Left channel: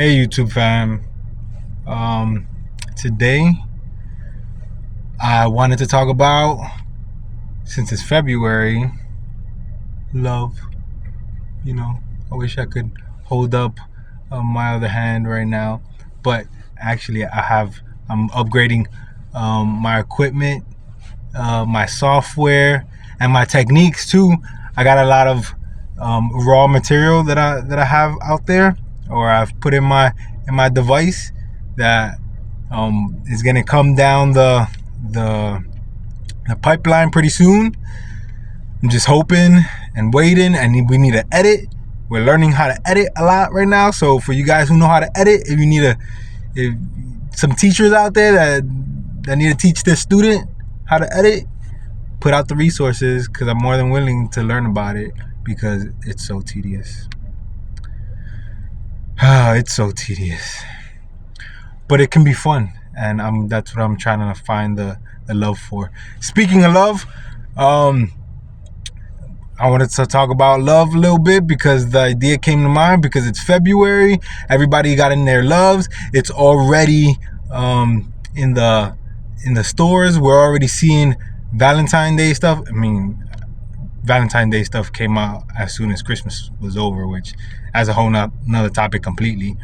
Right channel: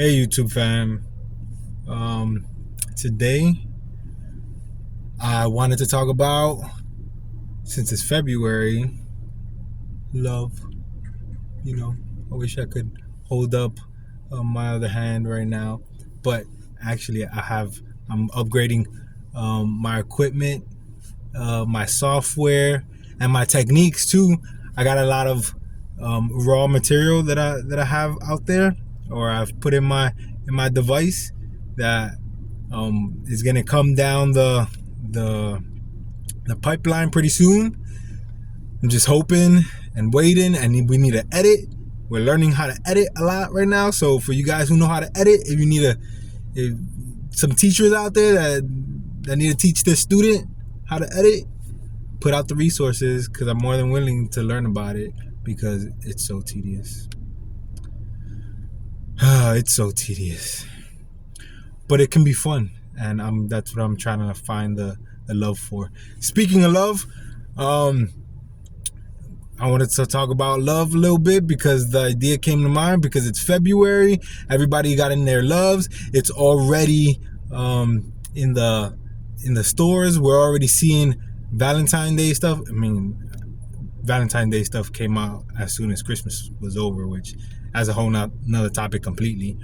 Hey YouTube fam. Today I wanted to talk about, since it's February, love. You know, I wish I could hold up my other hand right now, but actually I'm upgrading my equipment, my software, and my techniques too. I got a lot of raw material that I have out there, or I've put in my device that is gonna come down the pipeline pretty soon. I'm just hoping and waiting, and we need to edit. We're learning how to edit a lot right now. So for you guys who know how to edit, if you need if some teachers out there that need to teach their student how to edit, put out the resources, because I'm more than willing to learn about it, because it's so tedious. It's so tedious, but it can be fun, and that's what I'm trying to find the love for. Speaking of love, I wanted to talk about love a little bit because the idea came to mind because it's February. Everybody got in their loves. It's already in the stores. We're already seeing Valentine's Day stuff. I mean, Valentine's Day stuff came out as soon as Christmas was over, which has a whole another topic completely.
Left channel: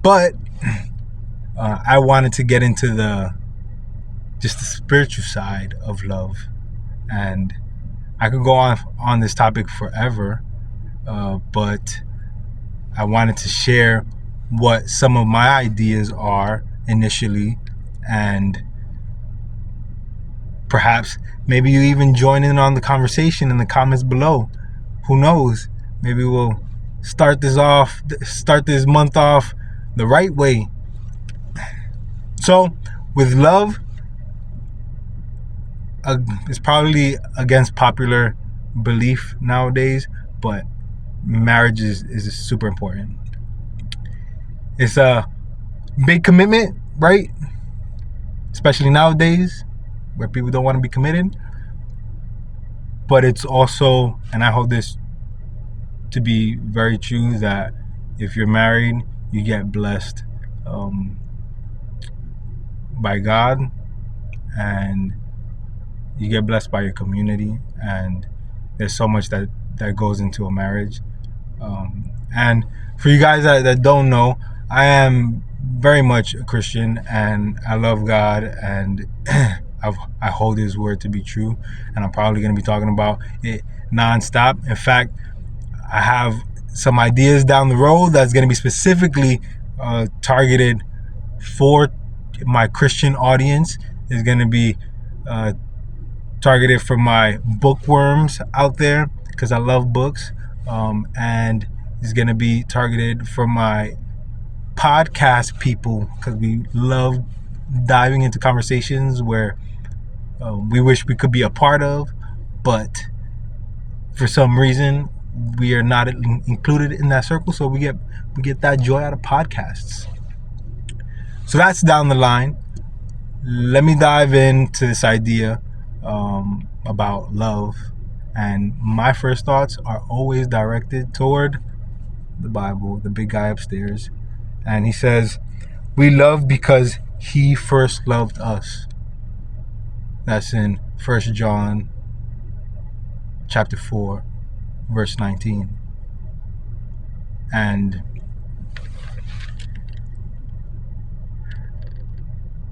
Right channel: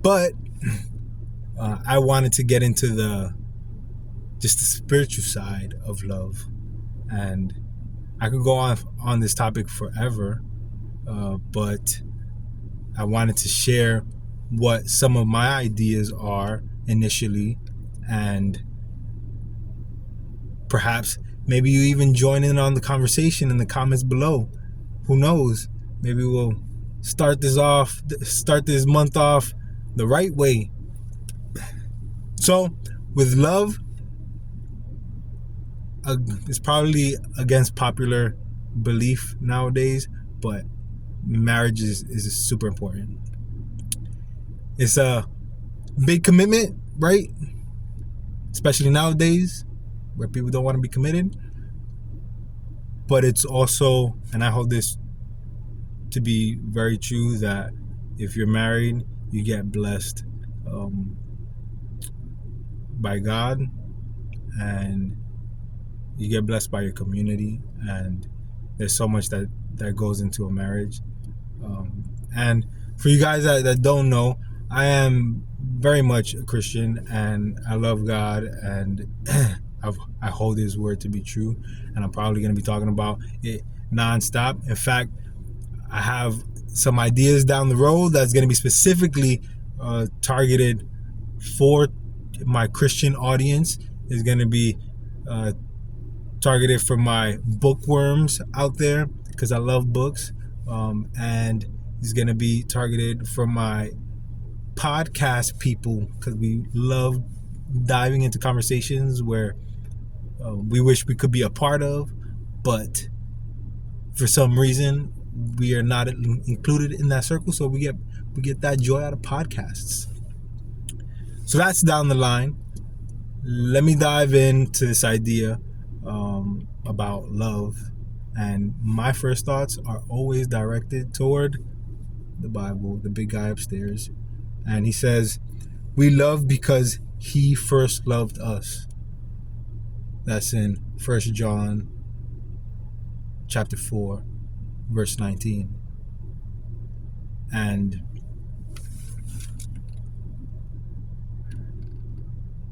But I wanted to get into the spiritual side of love, and I could go on this topic forever, but I wanted to share what some of my ideas are initially, and perhaps maybe you even join in on the conversation in the comments below. Who knows? Maybe we'll start this month off the right way. So, with love, it's probably against popular belief nowadays, but marriage is super important. It's a big commitment, right? Especially nowadays, where people don't want to be committed. But it's also, and I hold this to be very true, that if you're married, you get blessed by God, and you get blessed by your community, and there's so much that goes into a marriage. And for you guys that don't know, I am very much a Christian, and I love God, and I hold His word to be true, and I'm probably going to be talking about it nonstop. In fact, I have some ideas down the road that's going to be specifically targeted for my Christian audience. Is going to be targeted for my bookworms out there, because I love books, and it's going to be targeted for my podcast people, because we love diving into conversations where we wish we could be a part of, but for some reason we are not included in that circle. So we get that joy out of podcasts. So that's down the line. Let me dive into this idea about love, and my first thoughts are always directed toward the Bible, the big guy upstairs, and he says, we love because He first loved us. That's in 1 John chapter 4 verse 19. And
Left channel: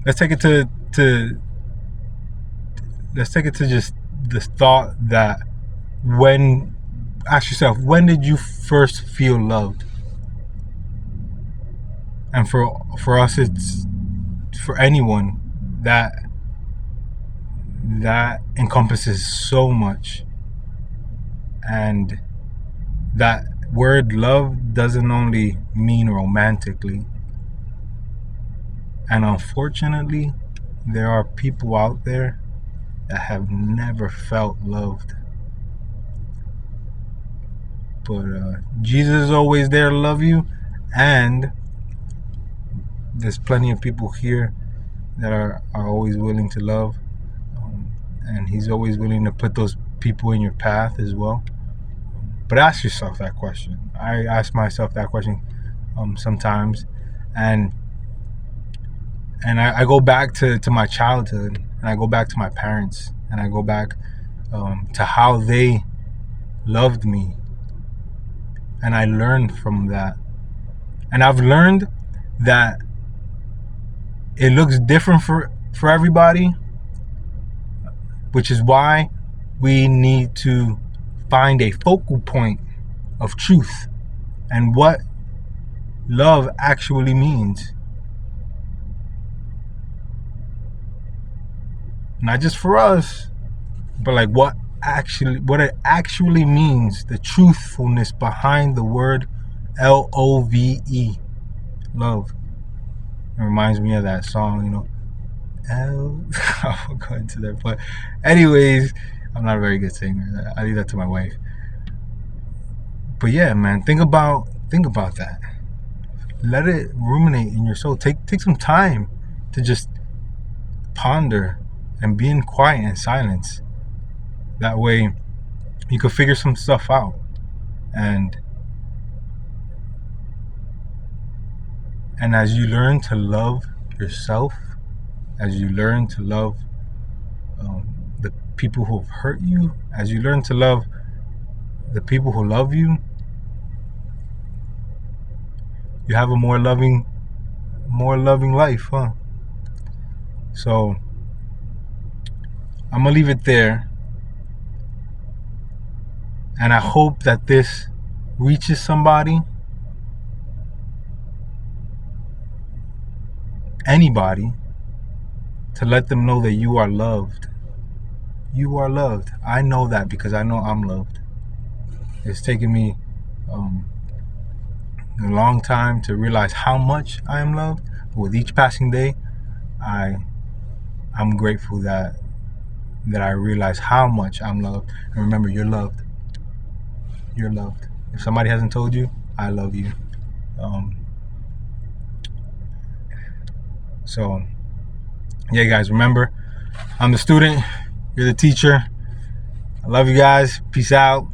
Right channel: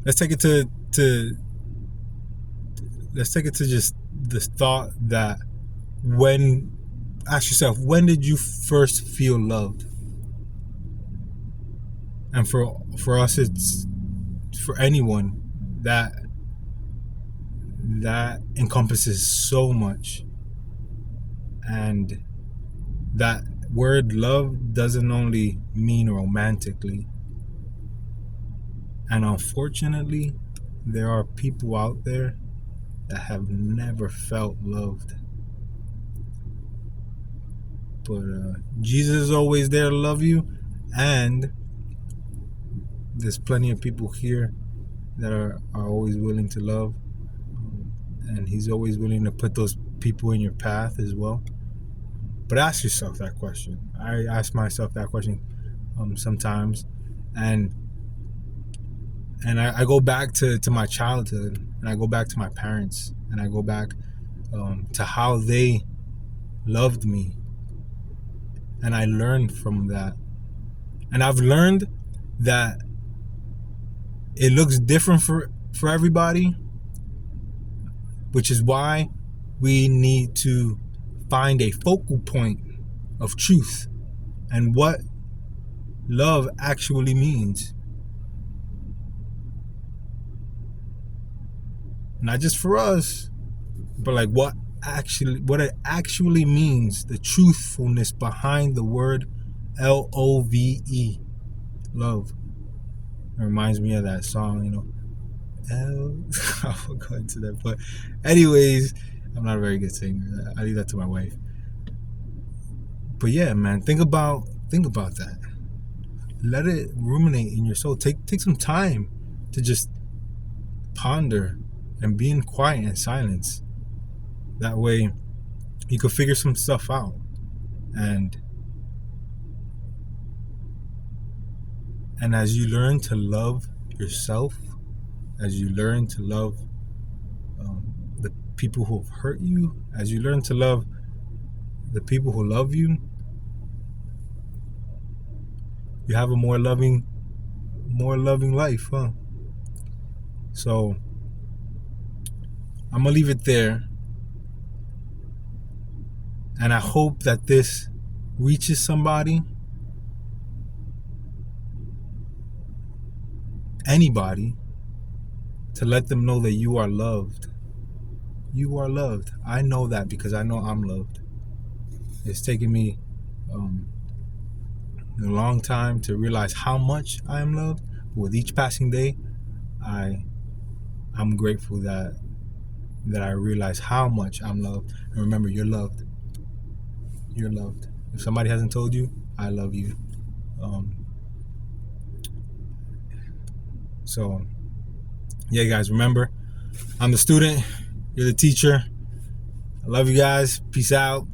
let's take it to just this thought that ask yourself, when did you first feel loved? And for us, it's for anyone that encompasses so much. And that word love doesn't only mean romantically. And unfortunately, there are people out there that have never felt loved. But Jesus is always there to love you, and there's plenty of people here that are always willing to love, and He's always willing to put those people in your path as well. But ask yourself that question. I ask myself that question sometimes, and I go back to my childhood, and I go back to my parents, and I go back to how they loved me, and I learned from that. And I've learned that it looks different for everybody, which is why we need to find a focal point of truth and what love actually means. Not just for us, but like what it actually means, the truthfulness behind the word LOVE, love. It reminds me of that song, you know. I won't go into that, but anyways, I'm not a very good singer. I leave that to my wife. But yeah, man, think about that. Let it ruminate in your soul. Take some time to just ponder and be in quiet and silence. That way you could figure some stuff out. And as you learn to love yourself, as you learn to love the people who have hurt you, as you learn to love the people who love you, you have a more loving life, huh? So I'm gonna leave it there, and I hope that this reaches somebody, anybody, to let them know that you are loved. You are loved. I know that because I know I'm loved. It's taken me a long time to realize how much I am loved. But with each passing day, I'm grateful that I realize how much I'm loved. And remember, you're loved. You're loved. If somebody hasn't told you, I love you. So yeah, guys, remember, I'm the student, you're the teacher. I love you guys. Peace out.